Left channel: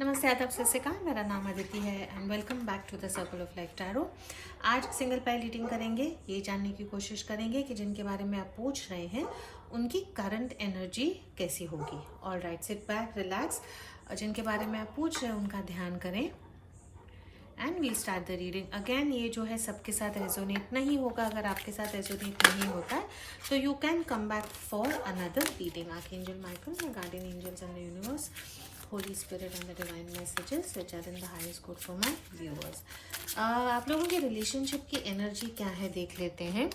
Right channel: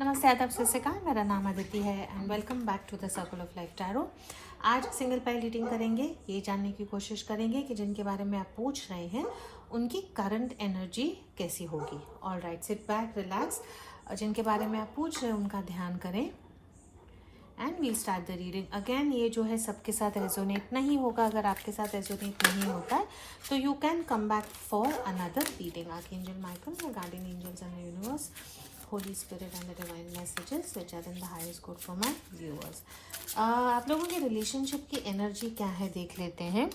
नमस्ते, आदाब, सत श्री अकाल। मेरा नाम अदिति है and welcome back to the circle of life tarot. आज सिंगल पाइल रीडिंग करेंगे। ये जानने की कोशिश करेंगे कि जिनके बारे में आप पूछ रहे हैं उनकी करंट एनर्जी कैसी होगी। All right, sit back, relax. जिनके बारे में आप पूछ रहे हैं उनका ध्यान करें and we'll start the reading. Again, ये जो है सबके साथ रेजोनेट नहीं होगा। अगर आपके साथ रेजोनेट नहीं होता है तो you can come back for another reading. Archangel Michael, your guardian angels and the universe, Holy Spirit and the divine messages which are in the highest good for my viewers. आप लोगों की relationship की energy क्या है देख लेते हैं।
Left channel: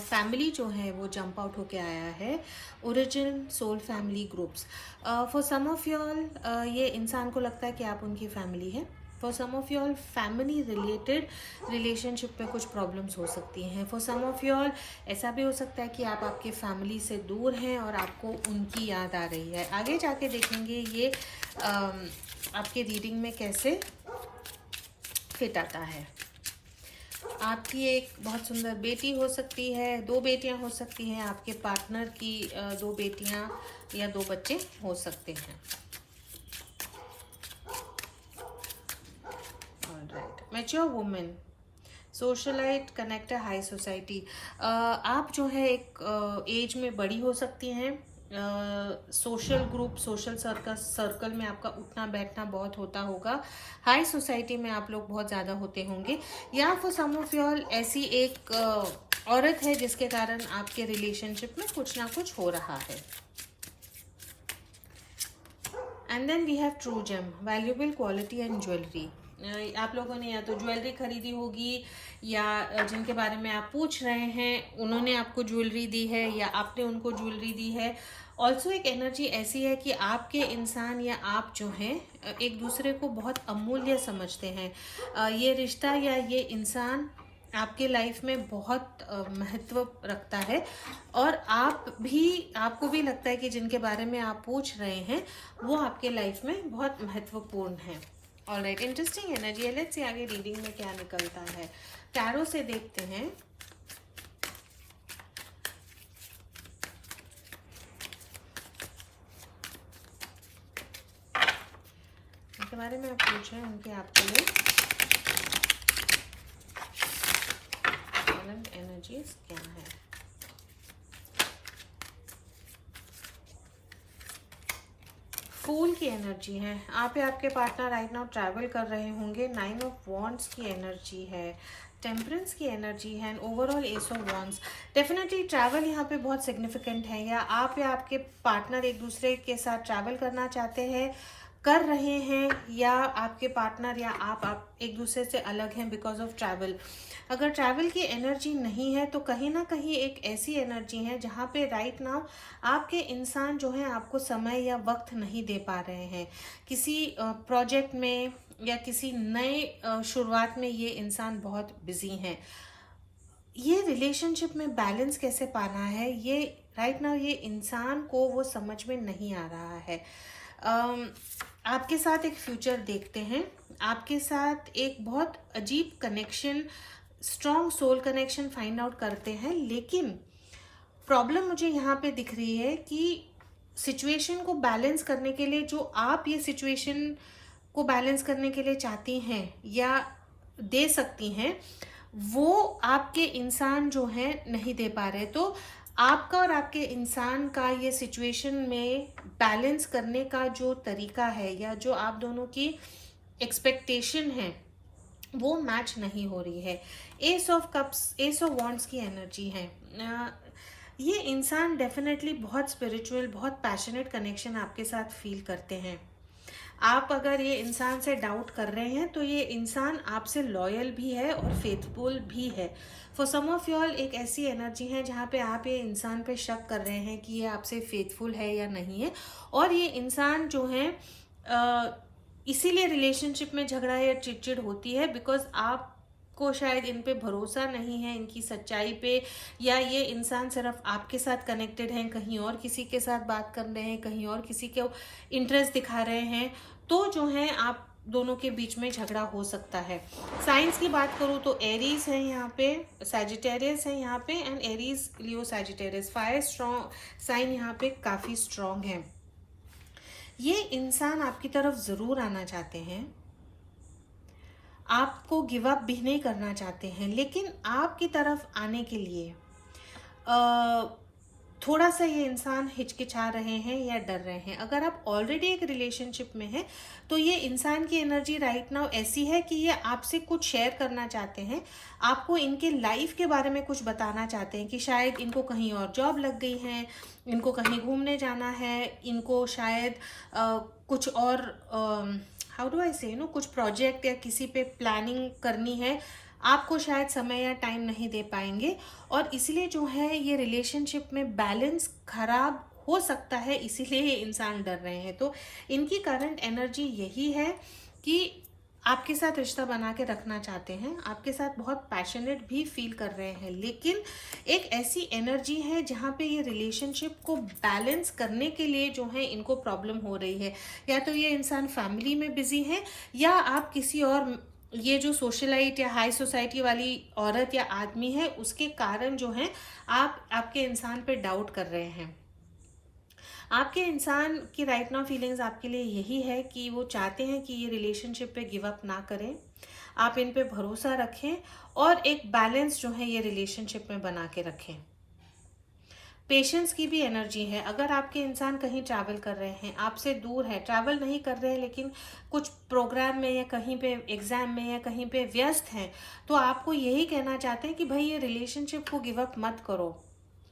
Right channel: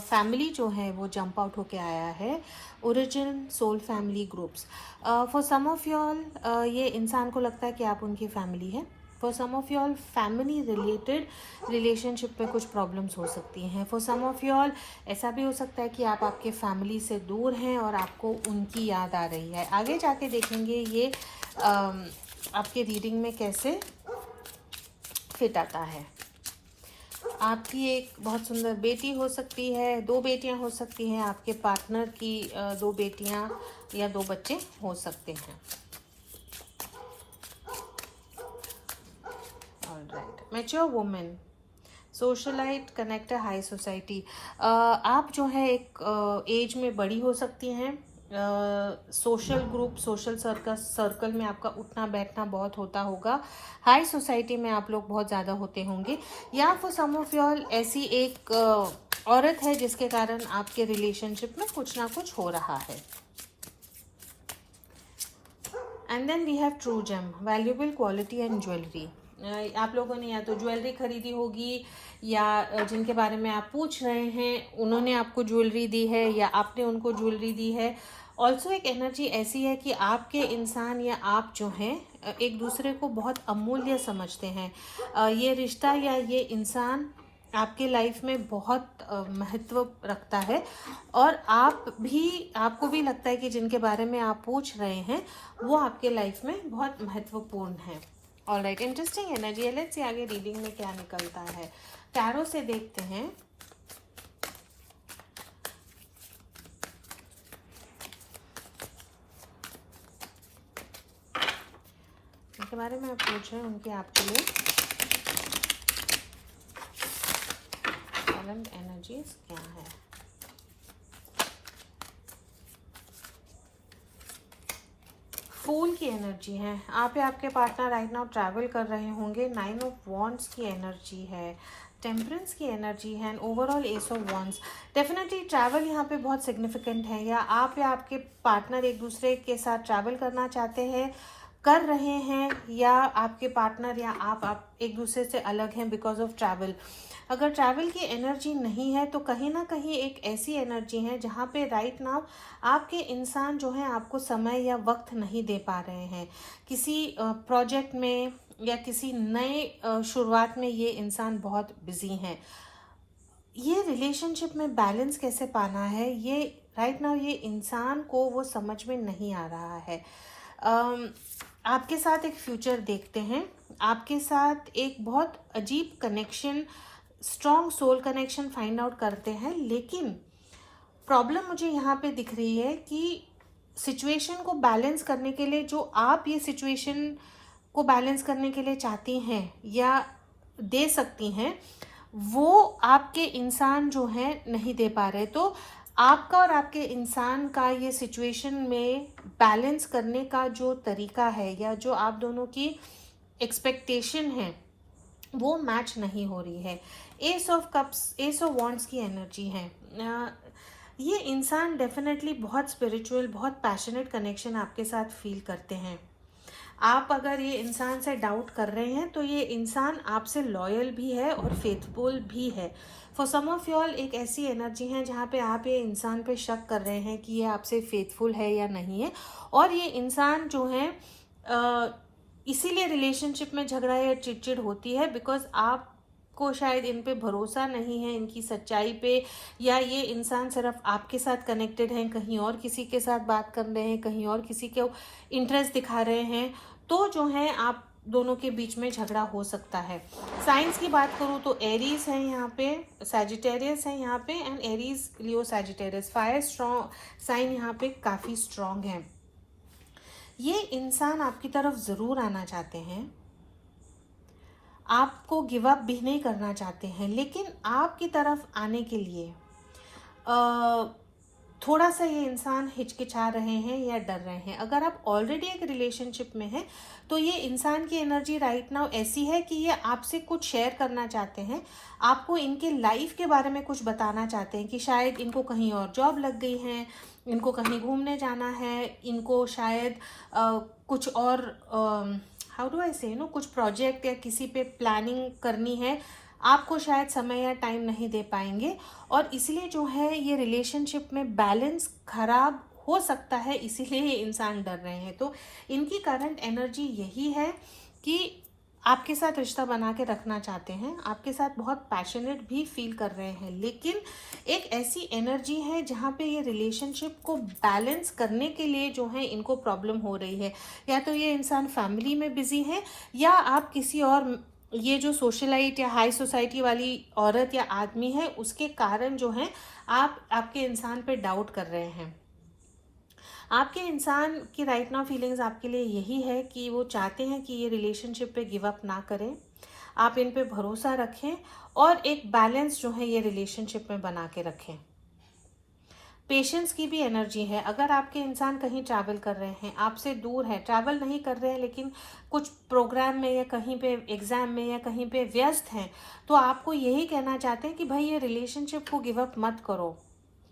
Family जो है वो जंप आउट होके आया है। Origin soul family groups. For some of y'all ये इंसान को लगता है कि आप उनकी फैमिली है। For some of y'all family related relationship पे कुछ प्रॉब्लम्स हो सकती हैं। फॉर सम ऑफ यॉल ऐसा भी हो सकता है कि आप आपके फैमिली से दूर हैं और आपको उनकी याद आ रही है। आगे जाके देखेंगे ये आपके रीडिंग में कैसे फिट आता है। आपकी एक बहुत सुंदर बेटी हो सकती है, 2 बेटियां हो सकती हैं, आपके पार्टनर की 2 बेटियां या 2 बच्चे हो सकते हैं। Mature women, socialite, connector, high society. आप जो है एक एज में बड़ी हो सकती हैं। सोशल ग्रुप, सोशल सर्कल में आपका उठना बैठना बहुत होता होगा। हाई सोसाइटी में आप लोग बहुत ज़्यादा होते होंगे। या फिर सम ऑफ यॉल ऐसी एक औरत है जिसके कारण आपके रिलेशनशिप में कुछ ना कुछ हो रहा है। And then we have true gem, valuable quality and jewellery. आप लोगों ने या तो ज्वेलरी खरीदी होगी या जिनके बारे में आप पूछ रहे हैं उन्होंने आपको ज्वेलरी दी है या आपने उनको ज्वेलरी दी है। ऑल्सो एक एनर्जी ऐसी है कि आपके इंसान या आप जो हैं एक दूसरे को बहुत अमूल्य समझते हैं। ये रिश्ता या ये इंसान आपके लाइफ में बहुत महत्व रखता है और आपको भी लगता है कि जिनके बारे में आप पूछ रहे हैं वो आपके लाइफ में बहुत महत्वपूर्ण है। ऑलराइट, इंटरेस्टिंग एनर्जी है। लेट्स सी आगे रीडिंग में क्या निकलता है। टैरो से देखते हैं। इनके बारे में आप पूछ रहे हैं उनके आपके लिए एनर्जीज क्या है। फूल की एनर्जी है। आप या आपके पार्टनर राइट नाउ ट्रैवल कर रहे होंगे। 9 ऑफ वॉन्ड्स की एनर्जी है। टेम्परेंस की एनर्जी है and overall S of wands. Definitely travel यहाँ पे बहुत सिग्निफिकेंट है। या आपके पार्टनर एक दूसरे के साथ ट्रैवल करना चाहते हैं, कर रहे हैं, या आपके पार्टनर या आप एक दूसरे से अलग हैं बिकॉज ऑफ ट्रैवल। अगर ट्रैवल की एनर्जी नहीं है तो कहीं ना कहीं एक ऐसी एनर्जी है जहाँ पे राइट नाउ आपके इंसान जो है आपको समय या वक्त नहीं दे पा रहे हैं। किसी प्रोजेक्ट में या किसी नए शुरुआत में ये इंसान बहुत बिजी हैं। ये रिलेशनशिप में बैलेंस कैसे पाना है ये राइट नाउ ये इंसान को वो समझ में नहीं आ रहा है। आपके साथ एक फ्यूचर देखते हैं। आपके साथ एक बहुत अजीब connection, strong soul connection find out करते हैं। लेकिन प्रॉब्लम मुझे यहाँ पे दिख रही है कि सिचुएशन को बैलेंस करने के लिए जो आप ये सिचुएशन को बैलेंस करने के लिए चाहती हैं या दे सकती हैं वो आपके इंसान जो है नहीं दे पा रहे। तो आपका और आपके इंसान का ये सिचुएशन में बैलेंस करने का जो तरीका है या जो आप दोनों की एक्सपेक्टेशन है वो मैच नहीं हो रही है। S of cups, S of wands की एनर्जी है। ये इंसान डेफिनेटली बहुत स्पिरिचुअल, बहुत पैशनेट कनेक्शन आपके साथ फील करते हैं। आप अगर ये इंसान से डाउट कर रहे हैं तो ये इंसान आपसे लॉयल भी है और फेथफुल भी है। फॉर सम ऑफ यॉल एक ऐसी एनर्जी है जहाँ पे आप ये इंसान पे शक कर रहे हैं कि ये आपसे फेथफुल है या नहीं है। और ये इंसान जो है इसीलिए रिलेशनशिप में झगड़ा या चिड़चिड़ होती है बिकॉज आपको शायद इन पे भरोसा नहीं है, इनकी सच्चाई पे, या ये इंसान सिर्फ आपके साथ कनेक्टेड हैं, कहीं और किसी के साथ बात कर रहे हैं, कहीं और किसी को इंटरेस्ट दिखा रहे हैं। तो जो है आप दोनों के बीच में झगड़ा हो सकता है। साइंस की बात करूँ तो एरीज है यहाँ पे, सैजिटेरियस है यहाँ पे and Aries, Leo, Sagittarius. Fire strong sign यहाँ पे काफी स्ट्रॉन्ग है। ये इंसान आपकी तरफ ज़रूर आना चाहते हैं, आपको गिव अप भी नहीं करना चाहते हैं, लेकिन आपकी तरफ आने के लिए थोड़ा सा ये इंसान हिचकिचा रहे हैं या डर रहे हैं। अगर आप ऑलरेडी एक रिलेशनशिप में हैं तो ये इंसान की एनर्जी राइट नाउ ऐसी है कि ये आपसे कुछ शेयर करना चाहते हैं, आपको इनके लाइफ के बारे में कुछ बताना चाहते हैं कि शायद इनको कहीं और जॉब लग गई है, इनको कहीं घूमने जाना है, इनको शायद कुछ और हाउ डू आई से कुछ प्रोजेक्ट या किसी पे प्लानिंग करनी है, आपको शायद समय या टाइम नहीं दे पाएंगे और इसलिए जो है ये रिलेशनशिप में बैलेंस खराब हो सकता है, इसीलिए ये इंसान डर रहे हैं। तो इनकी करंट एनर्जी यही है कि आपके साथ रिश्ता बना के रखना चाहते हैं, आपके साथ बहुत पैशनेट भी फील कर रहे हैं, लेकिन एक ऐसी एनर्जी है जहाँ पे ये रिलेशनशिप को बैलेंस करने के लिए जो है इनको प्रॉब्लम हो रही है। या तो ये इंसान फैमिली में बिजी है या आप किसी और ये जो सोशलाइट या हाई सोसाइटी वाली औरत या आदमी है उसके कारण जो है आप आपके इंसान पे डाउट कर रहे हैं। आपके इंसान की राइट नाउ फीलिंग्स आपके लिए यही है कि वो चाहते हैं कि ये रिलेशनशिप पे गिव अप ना करें, आप इन पे भरोसा रखें और एक बैलेंस जो है ये रिलेशनशिप में बना के रखें। पेशेंस की भी एनर्जी है। अगर आपके इंसान कहीं ट्रैवल कर रहे हैं, आपसे दूर है, ट्रैवल नहीं कर रहे हैं लेकिन कुछ प्रोग्राम में या कहीं पे एग्जाम में या कहीं पे व्यस्त हैं, तो आपको यही कहना चाहते हैं कि भाई ये रिलेशनशिप को गिव अप मत करो,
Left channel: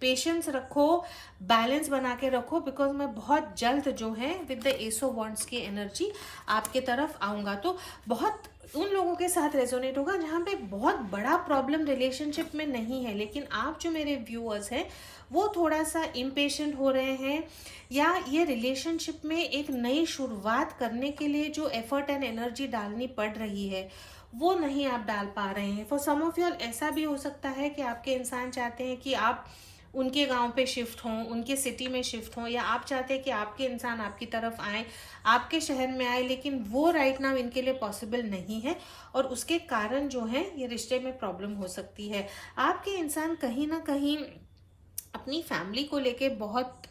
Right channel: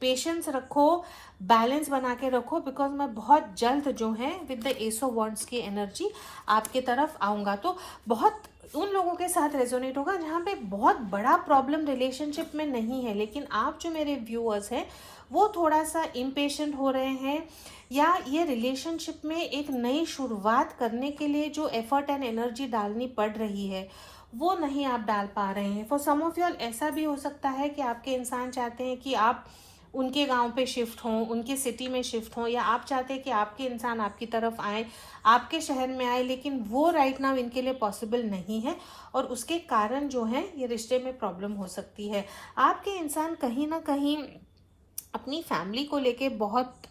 पेशेंस रखो, बैलेंस बना के रखो, बिकॉज मैं बहुत जल्द जो है with the S of wands की एनर्जी आपके तरफ आऊंगा। तो बहुत उन लोगों के साथ रेजोनेट होगा जहाँ पे बहुत बड़ा प्रॉब्लम रिलेशनशिप में नहीं है, लेकिन आप जो मेरे व्यूअर्स हैं वो थोड़ा सा इम्पेशेंट हो रहे हैं या ये रिलेशनशिप में एक नई शुरुआत करने के लिए जो एफर्ट एंड एनर्जी डालनी पड़ रही है वो नहीं आप डाल पा रहे हैं। फॉर सम ऑफ यू ऐसा भी हो सकता है कि आपके इंसान चाहते हैं कि आप उनके गांव पे शिफ्ट हों, उनके सिटी में शिफ्ट हों, या आप चाहते हैं कि आपके इंसान आपकी तरफ आए, आपके शहर में आए, लेकिन वो राइट नाउ इनके लिए पॉसिबल नहीं है और उसके कारण जो है ये रिश्ते में प्रॉब्लम हो सकती है। आपके इंसान कहीं ना कहीं अपनी फैमिली को लेके बहुत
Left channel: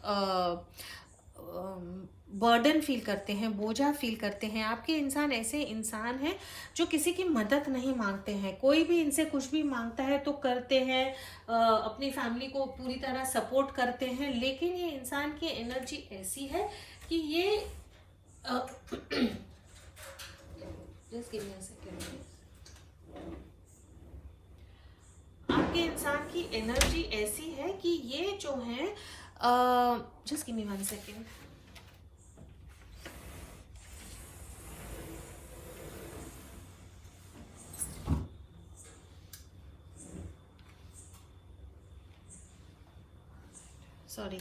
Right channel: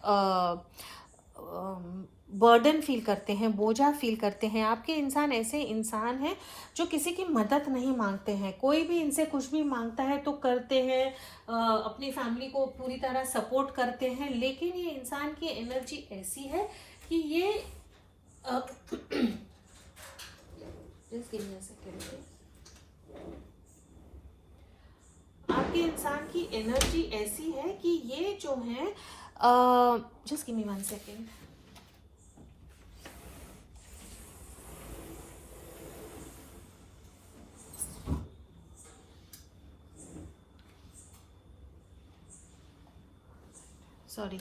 बर्डन फील करते हैं, बोझा फील करते हैं। आपके इंसान ऐसे इंसान हैं जो किसी की मदद नहीं मांगते हैं, कोई भी इनसे कुछ भी मांगता है तो करते हैं, अपनी फैमिली को पूरी तरह सपोर्ट करते हैं, लेकिन ये इंसान की एनर्जी ऐसी है कि ये just give me a second. आपके इंसान की एनर्जी ऐसी है कि ये जो है just give me 1 second. Sorry,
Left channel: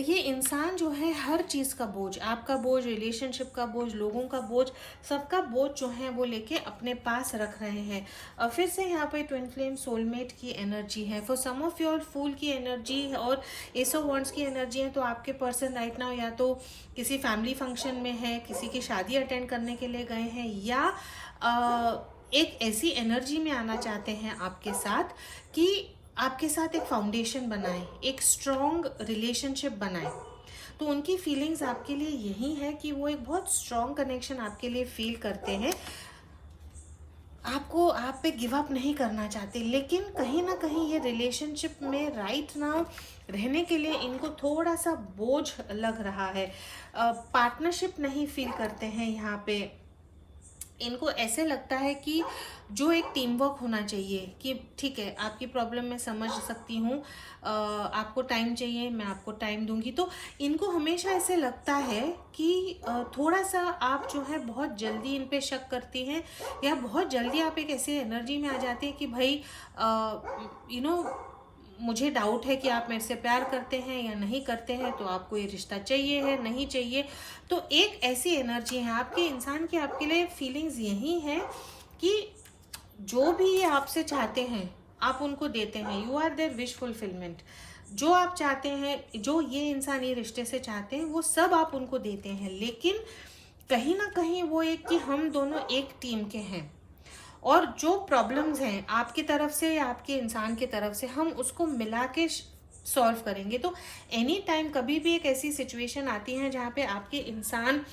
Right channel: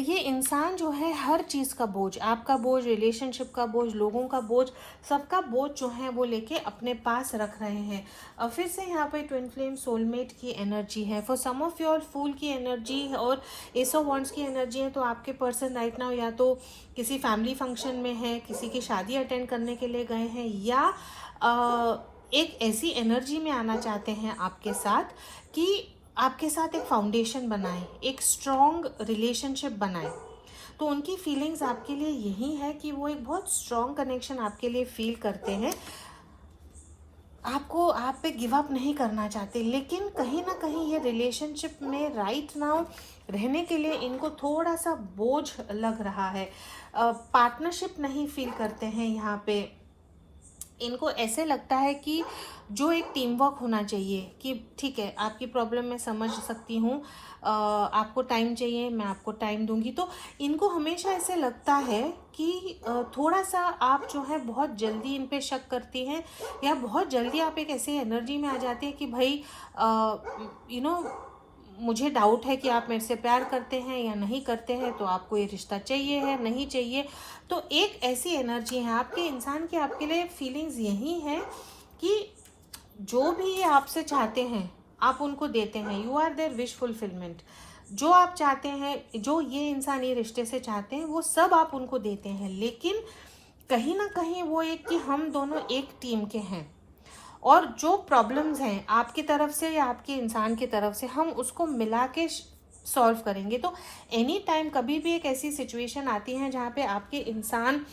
ये इंसान जो है हर चीज़ का बोझ, आपका बोझ, रिलेशनशिप का बोझ, लोगों का बोझ, सबका बोझ जो है वो लेके अपने पास रख रहे हैं। फिर से यहाँ पे ट्विन फ्लेम सोलमेट की एनर्जी है। फॉर सम ऑफ योर फूल की एनर्जी और एस ऑफ वॉन्ड्स की एनर्जी है। तो आपके पर्सन राइट नाउ या तो किसी फैमिली फंक्शन में है, किसी की शादी अटेंड करने के लिए गए हैं, या एक ऐसी एनर्जी में आना चाहते हैं आपके साथ कि आपके साथ एक फाउंडेशन बनाए, एक स्ट्रॉन्ग रिलेशनशिप बनाए। तो उनकी फीलिंग्स आपके लिए यही है कि वो एक बहुत स्ट्रॉन्ग कनेक्शन आपके लिए फील करते हैं, आपको आप पे गिव अप नहीं करना चाहते, लेकिन कहीं ना कहीं ये रिलेशनशिप में राइट नाउ रहने के लिए इनको थोड़ा सा बोझ लग रहा है। पार्टनरशिप नहीं फील करते हैं यहाँ पे। इनको ऐसे लगता है कि जो एक टीम वर्क होना चाहिए कि ठीक है, आपकी प्रॉब्लम मैं समझ सकती हूँ, आपको टाइम चाहिए, मैं आपको टाइम दूंगी। तो इनको हमेशा ऐसे लगता है कि थोड़ा सा आप जो है बहुत जल्दी इन पे शक करती हैं, या बहुत जल्दी आप एक ऐसी एनर्जी में आ जाती है कि भाई मुझे डाउट है कि आप मेरे से प्यार करते हैं या नहीं करते हैं, तो आपको ये रिश्ता चाहिए है, नहीं चाहिए। तो एक ऐसी एनर्जी है आपके इंसान की, आपके लिए फीलिंग्स यही है कि जो भी ये आपसे चाहते हैं आप उनको देते हैं। You are their wish fulfilment. जो आप चाहते हैं, जो ये इंसान ये रिश्ते से चाहते हैं, वो सब आप उनको देते हैं, लेकिन कहीं ना कहीं वो एक कि हम दोनों एक टीम के हैं और जो प्रॉब्लम्स हैं आपकी तरफ से या आपके इंसान की तरफ से, हम उसको मिला के सॉल्व करेंगे। तो एनी टाइम कभी भी एक ऐसी सिचुएशन आती है जहाँ पे आपके इंसान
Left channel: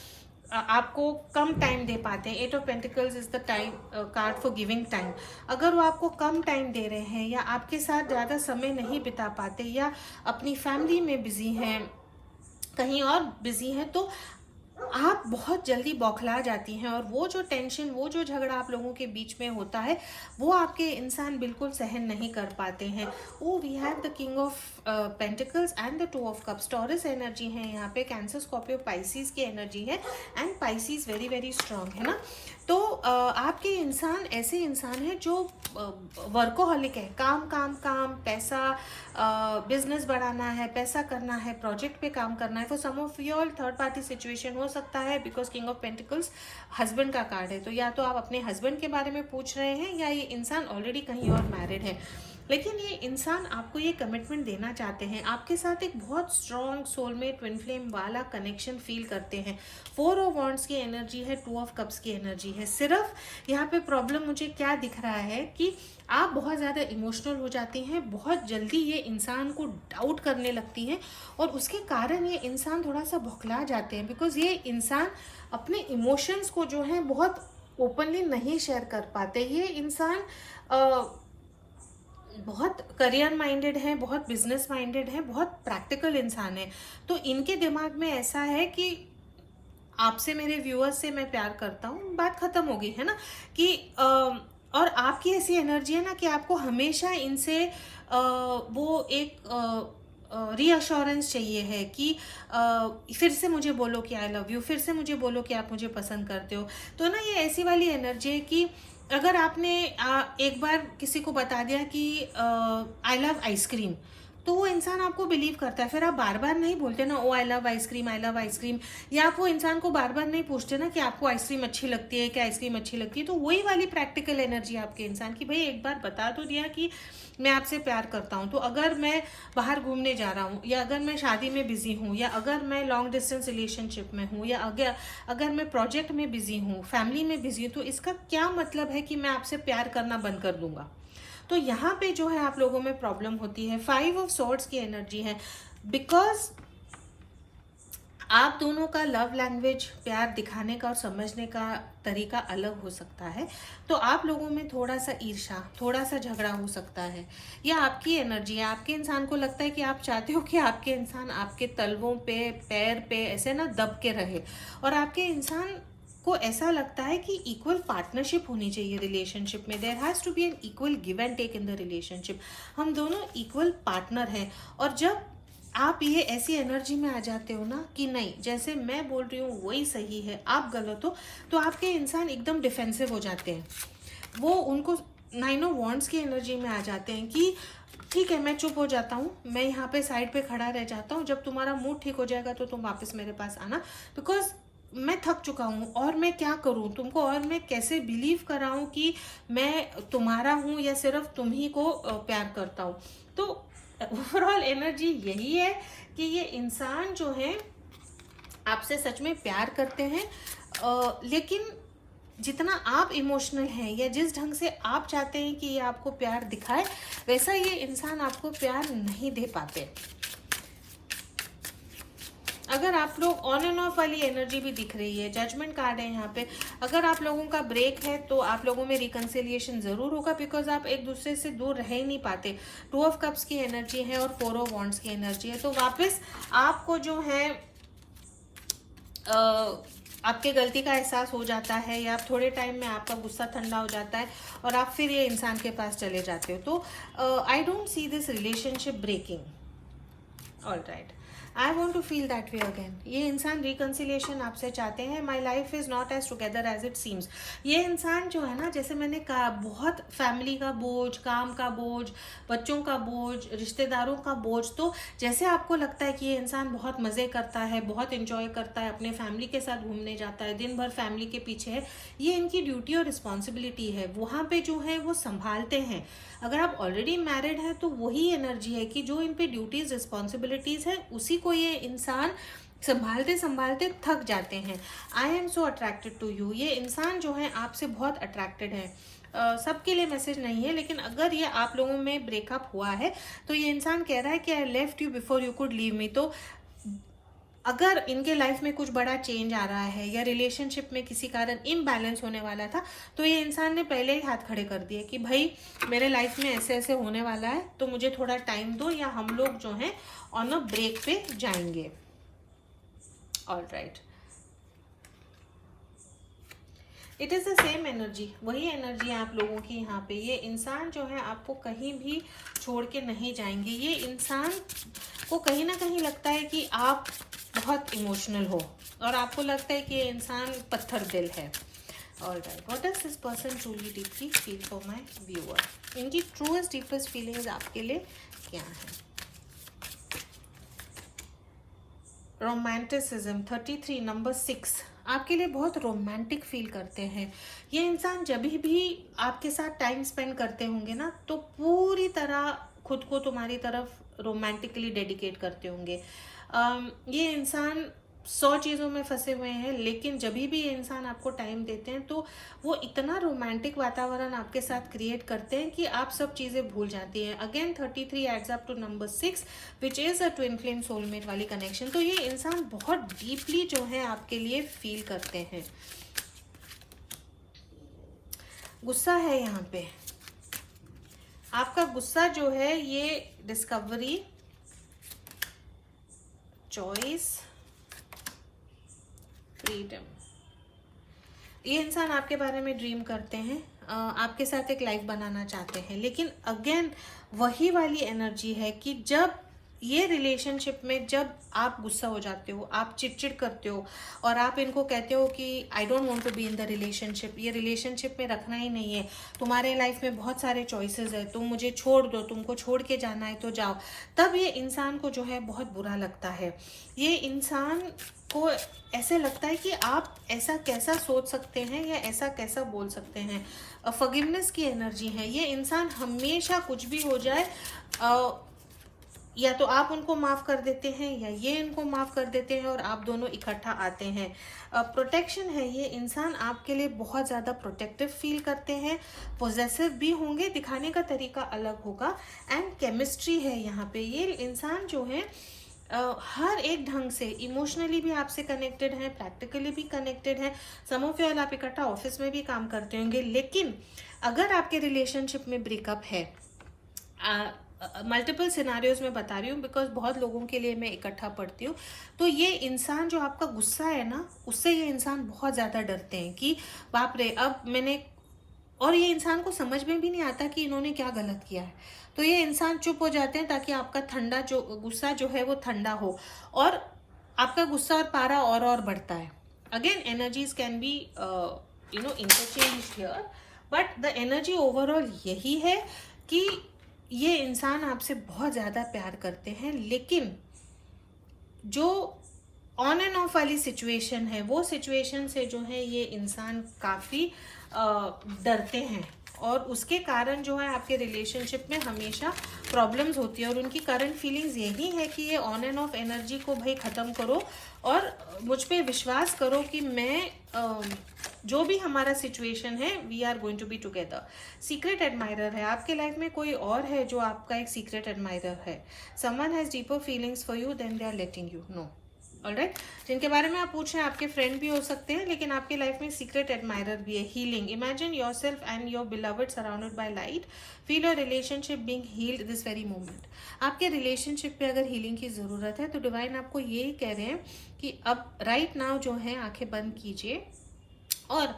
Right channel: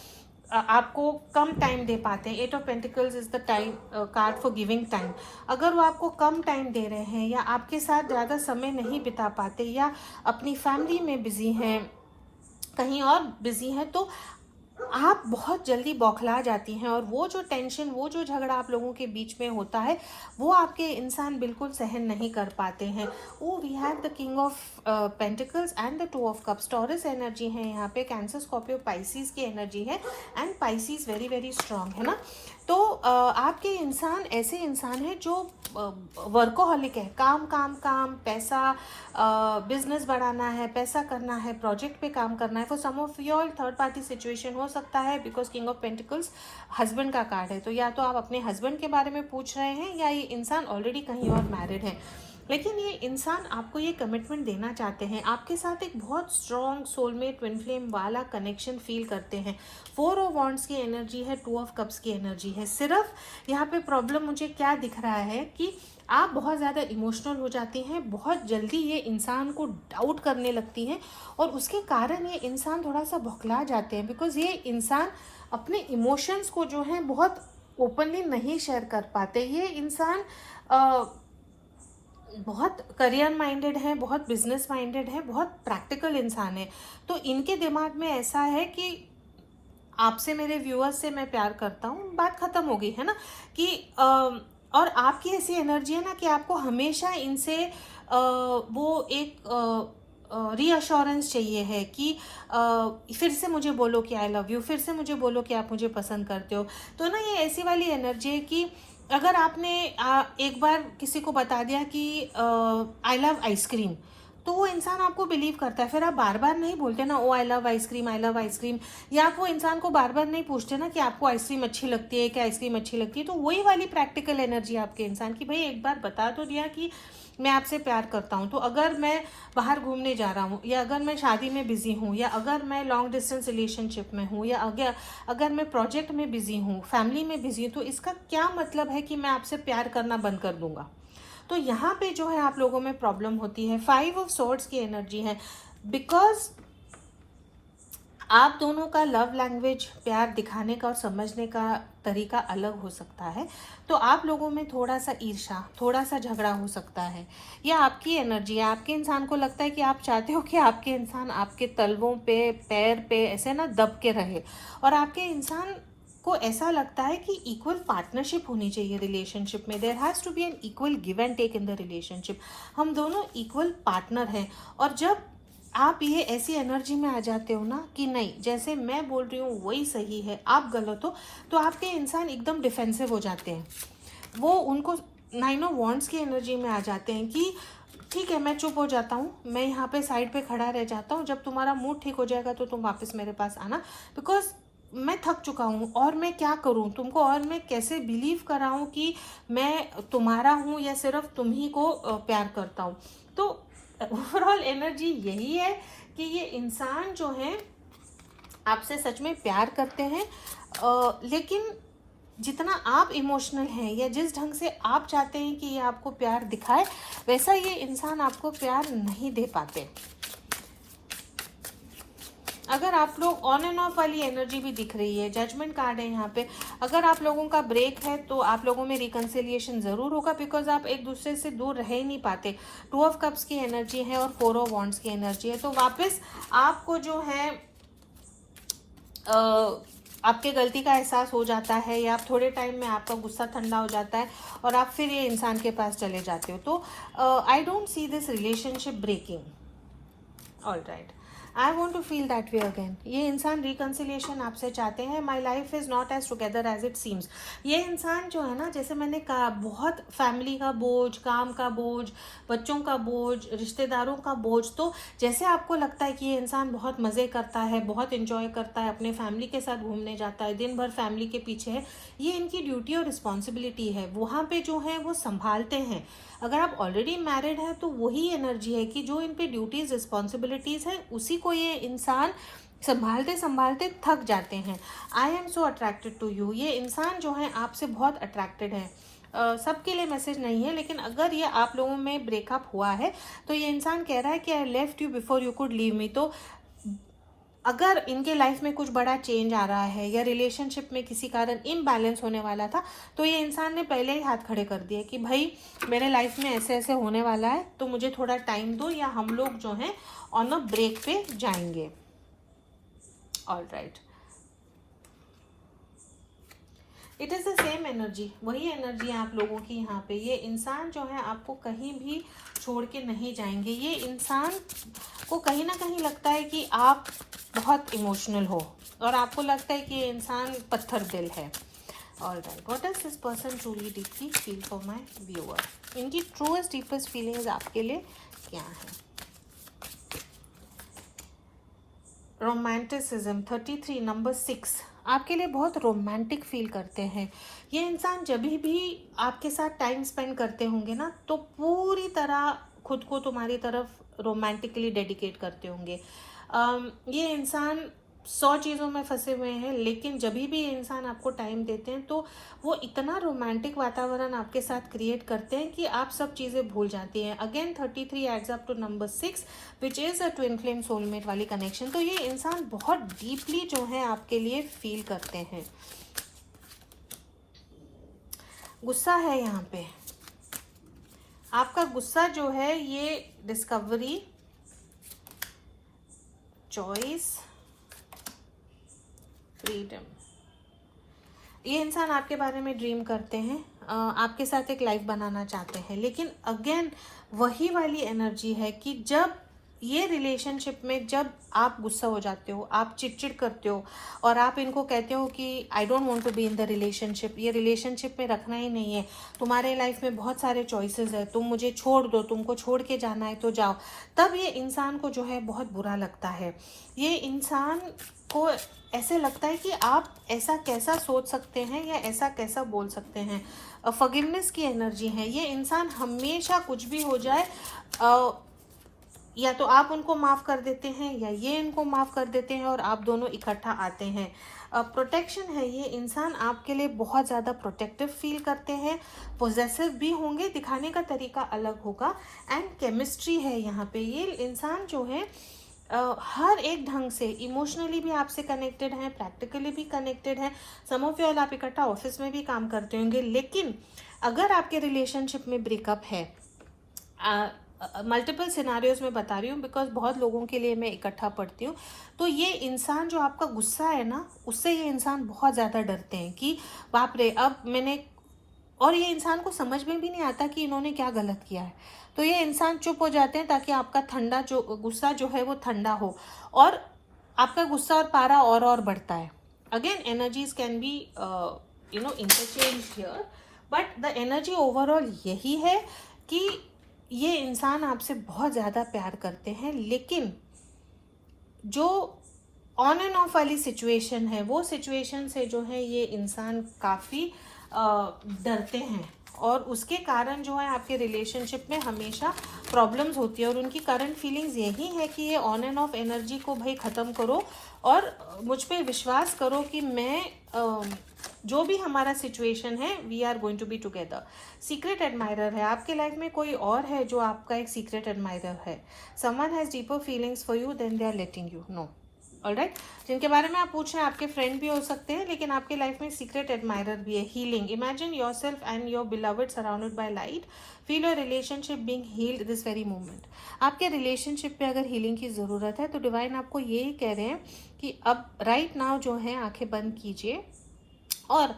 आपको कम टाइम दे पाते हैं। 8 of pentacles is the time card for giving time. अगर वो आपको कम टाइम दे रहे हैं या आपके साथ ज़्यादा समय नहीं बिता पाते या अपनी फैमिली में बिजी हैं, कहीं और बिजी हैं, तो आप बहुत जल्दी बौखला जाती हैं और वो जो टेंशन, वो जो झगड़ा आप लोगों के बीच में होता है, वो आपके इंसान बिल्कुल सहन नहीं कर पाते हैं। Oh we have the king of pentacles and the 2 of cups. Taurus energy है यहाँ पे, कैंसर, स्कॉर्पियो, पाइसिस की एनर्जी है and Pisces very very strong है ना। तो आपके इंसान ऐसे इंसान हैं जो वर्कोहॉलिक है, काम काम काम, पैसा, बिजनेस बढ़ाना है, पैसा करना है, प्रोजेक्ट पे काम करना है। For some of your third party situation हो सकता है, because king of pentacles husband का कार्ड है, तो या तो आप अपने हस्बैंड के बारे में पूछ रहे हैं या ये इंसान ऑलरेडी कहीं और मैरिड है। लेकिन ये इंसान आपको ये कमिटमेंट देना चाहते हैं, आपके साथ एक बहुत स्ट्रॉन्ग सोलमेट ट्विन फ्लेम वाला कनेक्शन फील करते हैं। 4 ऑफ वॉन्ड्स की एनर्जी है, 2 ऑफ कप्स की एनर्जी है। सिर्फ यहाँ पे प्रॉब्लम मुझे क्या दिख रहा है कि आप बहुत ज़्यादा इमोशनल हो जाती हैं, बहुत जल्दी ये इंसान को डाउट करने लगती हैं और उसके कारण ये इंसान थोड़ा सा बौखला जाते हैं, बिकॉज ये इंसान अपने इमोशंस को जो है बहुत ओपनली नहीं शेयर कर पाते। ये इंसान बहुत करियर माइंडेड है, बहुत बिजनेस माइंडेड है, बहुत प्रैक्टिकल इंसान है। तो इनके दिमाग में ऐसा है कि आपसे, मेरे व्यूअर्स से मैं प्यार करता हूँ, बात खत्म होगी, है ना। कि और आपकी ऐसी एनर्जी है ना कि आपको हमेशा इनसे वो एक रीअश्योरेंस चाहिए है कि फिर से मुझे बोलो कि आई लव यू, फिर से मुझे बोलो कि आप मुझे पसंद करते हो। तो ना ये ऐसी वाली एनर्जी है कि अगर आपने एक बार किसी को बता दिया कि आई लव आइसक्रीम, तो वो इंसान आपको बिलीव करता है। फिर आप बार बार नहीं बोलते ना, oh I love ice cream, I love ice cream, या आप वो इंसान को बार बार नहीं पूछते ना कि आपको आइसक्रीम अच्छी लगती है, क्या आइसक्रीम अच्छी लगती है। तो वही वाली प्रैक्टिकल एनर्जी आपके इंसान की, भाई एक बार बता तो दिया कि मैं आपसे प्यार करता हूँ। तो अगर मैं बाहर घूमने जा रहा हूँ, या अगर मैं शादी में बिजी हूँ, या अगर मैं लॉन्ग डिस्टेंस रिलेशनशिप में हूँ, या अगर मैं प्रोजेक्ट में बिजी हूँ, फैमिली में बिजी हूँ, तो इसका क्या मतलब है कि मैं आपसे प्यार करना बंद कर दूंगा। तो यहाँ पे जो है आप लोगों में प्रॉब्लम होती है। 5 ऑफ सोर्ड्स की एनर्जी है, बिकॉज आप दोनों का लव लैंग्वेज, प्यार दिखाने का और समझने का तरीका अलग हो सकता है। तो आप लोगों में थोड़ा सा ईर्ष्या, थोड़ा सा झगड़ा हो सकता है। या आपकी एनर्जी है, आपके इंसान को लगता है कि आप चाहते हो कि आपके इंसान आपके तलवों पे, पैर पे ऐसे ना दब के रहे, और आपके इंसान को ऐसा लगता है कि इक्वल पार्टनरशिप होनी चाहिए रिलेशनशिप में। There has to be an equal give and take in the relationship. हम दोनों इक्वल पार्टनर हैं। और जब आप ये ऐसी एनर्जी में आ जाते हो ना कि नहीं, जैसे मैं बोल रही हूँ वही सही है, आप गलत हो, तो आपके इंसान एकदम डिफेंसिव हो जाते हैं। वो उनको 9 ऑफ वॉन्ड्स की एनर्जी में आ जाते हैं कि ठीक है, मैं चुप हो जाता हूँ, मैं यहाँ पे साइड पे खड़ा रह जाता हूँ, जब तुम्हारा मूड ठीक हो जाएगा तो तुम वापस मेरे पास आना, बिकॉज मैं थक चुका हूँ और मैं क्या करूँ तुमको, और मैं कैसे बिलीव कराऊँ कि मैं तुम्हारा हूँ या सिर्फ तुम ही को प्यार करता हूँ। तो ओवरऑल एनर्जी यही है कि ये इंसान जो है आपसे सच में प्यार करते हैं, लेकिन जितना आप इमोशनल हैं या जिस ढंग से आप चाहते हैं कि ये आपको प्यार दिखाए, वैसा ये इंसान आपको प्यार नहीं दे पाते। अगर आप लोग ऑन एंड ऑफ वाली एनर्जी भी दिख रही है, जजमेंट कार्ड है यहाँ पे, अगर आप लोगों का ब्रेक है तो आप लोगों में रिकंसिलिएशन जरूर होगा, बिकॉज आप एक दूसरे से दूर रह ही नहीं पाते। 2 ऑफ कप्स की एनर्जी है और 4 ऑफ वॉन्ड्स की एनर्जी है। तो वापस आपको जो है आपकी गलती का एहसास हो जाता है, या आप थोड़े टाइम में आपका गुस्सा ठंडा हो जाता है और आप फिर ये इंसान के पास चले जाते हो। तो I don't see this relationship breaking. All right, I want to feel that way again. ये इंसान रिकन्सिलिएशन आपसे चाहते हैं। My life is not as together as it seems. ये इंसान जो है ना, जैसे मैंने कहा, बहुत फैमिली का बोझ, काम का बोझ, बच्चों का बोझ, रिश्तेदारों का बोझ। तो जैसे आपको लगता है कि ये इंसान बहुत मजे करता है, बहुत इंजॉय करता है, अपने फैमिली के साथ घूमने जाता है, दिन भर फैमिली के पीछे है, ये इनकी ड्यूटी और रिस्पॉन्सिबिलिटी है, वहां पे जो है वो संभालते हैं। अगर आप ऑलरेडी मैरिड हैं तो वही एनर्जी है कि जो इन पे ड्यूटीज, रिस्पॉन्सिबिलिटीज हैं, उसी को ये इंसान संभालते संभालते थक जाते हैं। I am so attracted to you. ये इंसान जो है आपसे बहुत अट्रैक्टेड है। सबके लिए मैसेज नहीं है, लेकिन अगर ये आप लोगों में ब्रेकअप हुआ है तो ये इंसान कह रहा है कि I left you before you could leave me. तो अगर इनके लाइफ में कुछ बड़ा चेंज आ रहा है या रिलेशनशिप में किसी कारण इम्बैलेंस होने वाला था, तो ये इंसान ने पहले ही हाथ खड़े कर दिए कि भाई मेरे लाइफ में ऐसे ऐसे होने वाला है, तो मुझे थोड़ा टाइम दो या हम लोग जो है ऑन अ ब्रेक पे जाएंगे। Alright, it is the same energy, वही एनर्जी है आप लोगों की यहाँ पे। ये इंसान जो है आपको कहीं भी छोड़ के नहीं जाएंगे। ये इंसान को कहीं ना कहीं लगता है कि आप बहुत इमोशनल हो और आपको लगता है कि ये इंसान पत्थर दिल है। Alright, what does this person truly deeply feel for my viewer? इनकी ट्रूएस्ट डीपेस्ट फीलिंग्स आपके लिए क्या है? रोमांटिसिज्म 33 नंबर 6 आपके लिए बहुत रोमांटिक फील करते हैं। ये इंसान जब भी आपके साथ टाइम स्पेंड करते होंगे ना, तो पूरी तरह खुद को तुम्हारी तरफ रोमांटिकली डेडिकेट करते होंगे। ये इंसान 100 चीज़ों में फंसे हुए हैं, लेकिन जब भी ये इंसान आपको टाइम देते हैं तो वो इतना रोमांटिक वातावरण आपके साथ क्रिएट करते हैं कि आप सब चीज़ें भूल जाती हैं। Again 33 adds up to number 6 which is a twin flame soulmate वाली कनेक्शन। तो ये इंसान बहुत डीपली जो है आपके लिए फील करते हैं। गुस्सा है यहाँ पे, आपका गुस्सा जो है ये डिस्कवरी, चॉइस, फ्रीडम। ये इंसान आपके बारे में ड्रीम करते हैं, आपके साथ एक लाइफ बनाना चाहते हैं, लेकिन अगेन वही वाली एनर्जी है कि जब ये रिलेशनशिप में जब आप गुस्सा हो जाते हो, आप चिड़चिड़ करते हो और आप इनको कहते हो कि I don't want to be in the relationship, ये रिलेशनशिप में रखना ही नहीं है, तुम्हारे लाइफ में बहुत सारे चॉइसेस है, तुम मुझे छोड़ दो, तुमको छोड़ के जाना है तो जाओ, तब ये इंसान को जो है बहुत बुरा लगता है। ये इंसान को ऐसे लगता है कि आप ऐसा कैसा सोच सकते हैं या ऐसा कैसा बोल सकते हैं। फॉरगिवनेस की एनर्जी है। ये इंसान हमेशा कुछ भी हो जाए, या तो आप उनको माफ कर देते हैं या ये इनको माफ कर देते हैं और आप दोनों इकट्ठा आते हैं। प्रोटेक्शन है, ये इंसान आपके लिए बहुत ज़्यादा प्रोटेक्टिव फील करते हैं, पोजेसिव भी होंगे, दिखाने का तरीका अलग होगा। एंड केमिस्ट्री है यहाँ पे। ये इंसान जो है हर एक ढंग से इमोशनली भी आपसे कनेक्टेड है, प्रैक्टिकली भी कनेक्टेड है। सम ऑफ यू ऑल आप इकट्ठा ऑफिस में भी काम करते होंगे, लेकिन अगर आपके रिलेशनशिप में ब्रेकअप है, मल्टीपल सिनारियोज में बता रही हूँ बिकॉज बहुत लोगों के लिए मैं इकट्ठा पढ़ती हूँ, तो ये इंसान जो आपका गुस्सा है ना, उससे ये इंसान बहुत ज़्यादा डरते हैं कि बाप रे अब मैंने, और ये इंसान को समझ में भी नहीं आता कि इन्होंने क्या गलत किया है, तो ये इंसान चुप हो जाते हैं ताकि आपका ठंडा जो गुस्सा जो है वो ठंडा हो, और आपका गुस्सा और पारा और बढ़ता है। Again energies can be interchange here, but the energy overall यही है कि ये इंसान आपसे बहुत ज़्यादा प्यार करते हैं, लेकिन जो ऑन एंड ऑफ वाली सिचुएशन है, वो सिचुएशन से जो है ये इंसान काफ़ी डरते हैं, और उसके कारण जो है आपके रिलेशनशिप में हमेशा प्रॉब्लम्स होती है। और उनकी करंट फीलिंग्स यही है कि ये ऑन एंड ऑफ एनर्जी को भाई ख़त्म करो और मुझ पे विश्वास करो कि मैं जो भी हमारा सिचुएशन है, we are going to be together. Secret admirer है, आपके लाइफ में कोई और है जो आपका एक सीक्रेट एडमायरर है। Someone has deeper feelings for you than they are letting you know. Alright, जिनके बारे में आप पूछ रहे हैं आपके फ्रेंड भी हो सकते हैं, लेकिन आपके लाइफ में सीक्रेट एडमायरर भी है। Healing, imagine yourself and your beloved surrounded by light, feel your relationship being healed this very moment. आपके रिलेशनशिप में अगर हीलिंग की ज़रूरत है तो डिवाइन आपको यही कह रहे हैं कि अब राइट नाउ जो है आंखें बंद कीजिए और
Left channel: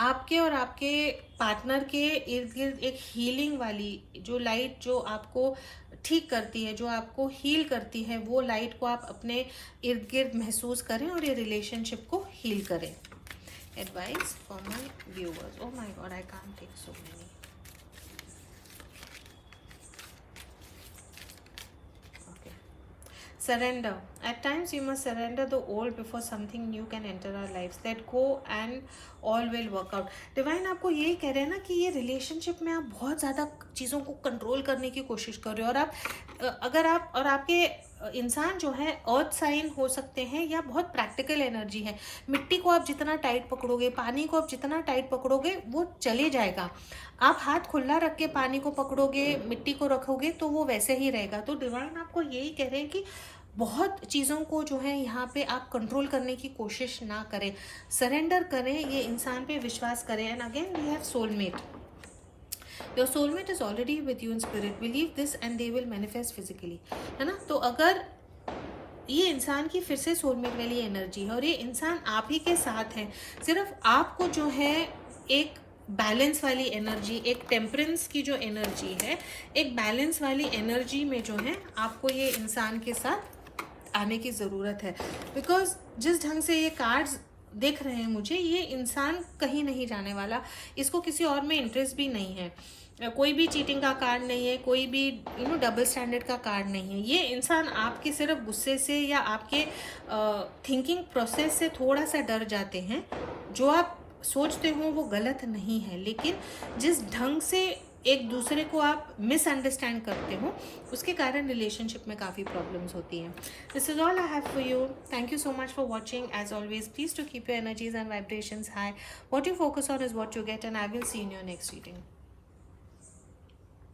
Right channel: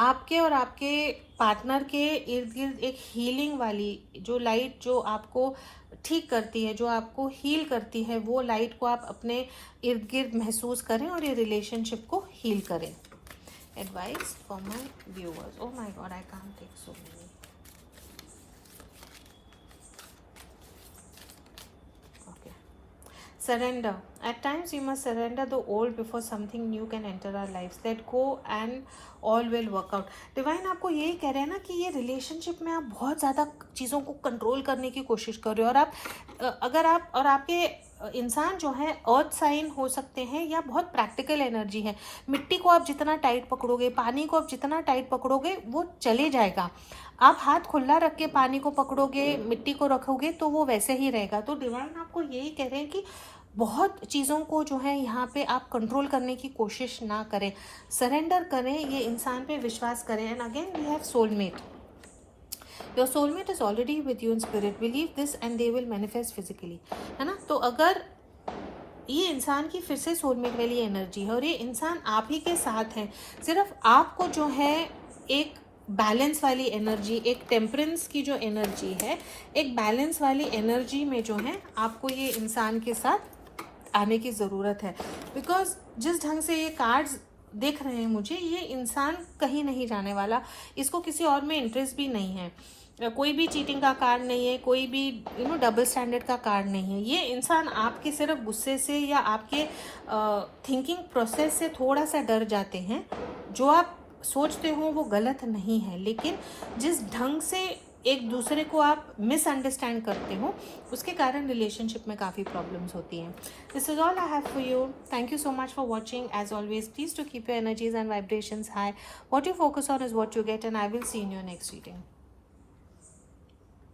आपके और आपके पार्टनर के इर्द गिर्द एक हीलिंग वाली जो लाइट जो आपको ठीक करती है, जो आपको हील करती है, वो लाइट को आप अपने इर्द गिर्द महसूस करें और ये रिलेशनशिप को हील करें। Advice for my viewers. Oh my god, I can't take so many. Surrender. At times you must surrender the old before something new can enter our lives. Let go and all will work out. Divine आपको यही कह रहे हैं ना कि ये relationship में आप बहुत ज़्यादा चीज़ों को कंट्रोल करने की कोशिश कर रहे हो, और आप अगर आप और आपके इंसान जो है अर्थ साइन हो सकते हैं या बहुत प्रैक्टिकल एनर्जी है। मिट्टी को आप जितना टाइट पकड़ोगे, पानी को आप जितना टाइट पकड़ोगे वो चले जाएगा। आप हाथ खुला रख के पानी को पकड़ोगे, मिट्टी को रखोगे तो वो वैसे ही रहेगा। तो डिवाइन आपको यही कह रहे हैं कि बहुत चीज़ों को जो है यहाँ पे आप कंट्रोल करने की कोशिश ना करें, सरेंडर करें, ये इंसान पे विश्वास करें। And again we have soulmate. Your soulmate is already with you in spirit, believe this and they will manifest physically, है ना। तो अगर ये इंसान की फिर से सोलमेट वाली एनर्जी है और ये इंसान आप ही के साथ है, सिर्फ आपको जो है एक बैलेंस वाली एनर्जी, एक टेम्परेंस की जो एनर्जी है, एक बैलेंस वाली एनर्जी में जो है आपको ये इंसान के साथ आने की ज़रूरत है। बिकॉज जिस ढंग से ये कार्ड्स देख रहे हैं मुझे, ये इंसान कहीं नहीं जाने वाला, इसको किसी और में इंटरेस्ट भी नहीं है, कोई भी चीटिंग का कार्ड नहीं है, कोई भी डबल स्टैंडर्ड का कार्ड नहीं है। ये इंसान आपके सिर्फ गुस्से से या आपके थिंकिंग प्रोसेस से थोड़ा सा डर जाते हैं। जो आप सोचते हो वो गलत नहीं है, लेकिन जिस ढंग से एक दूसरे को आप मिसअंडरस्टैंड करते हो उसके कारण रिलेशनशिप में काफ़ी प्रॉब्लम्स होती हैं। This is all I have for you. Thank you so much for watching. As always please to keep your energies and vibrations high. What you focus on is what you get, and I will see in your next reading.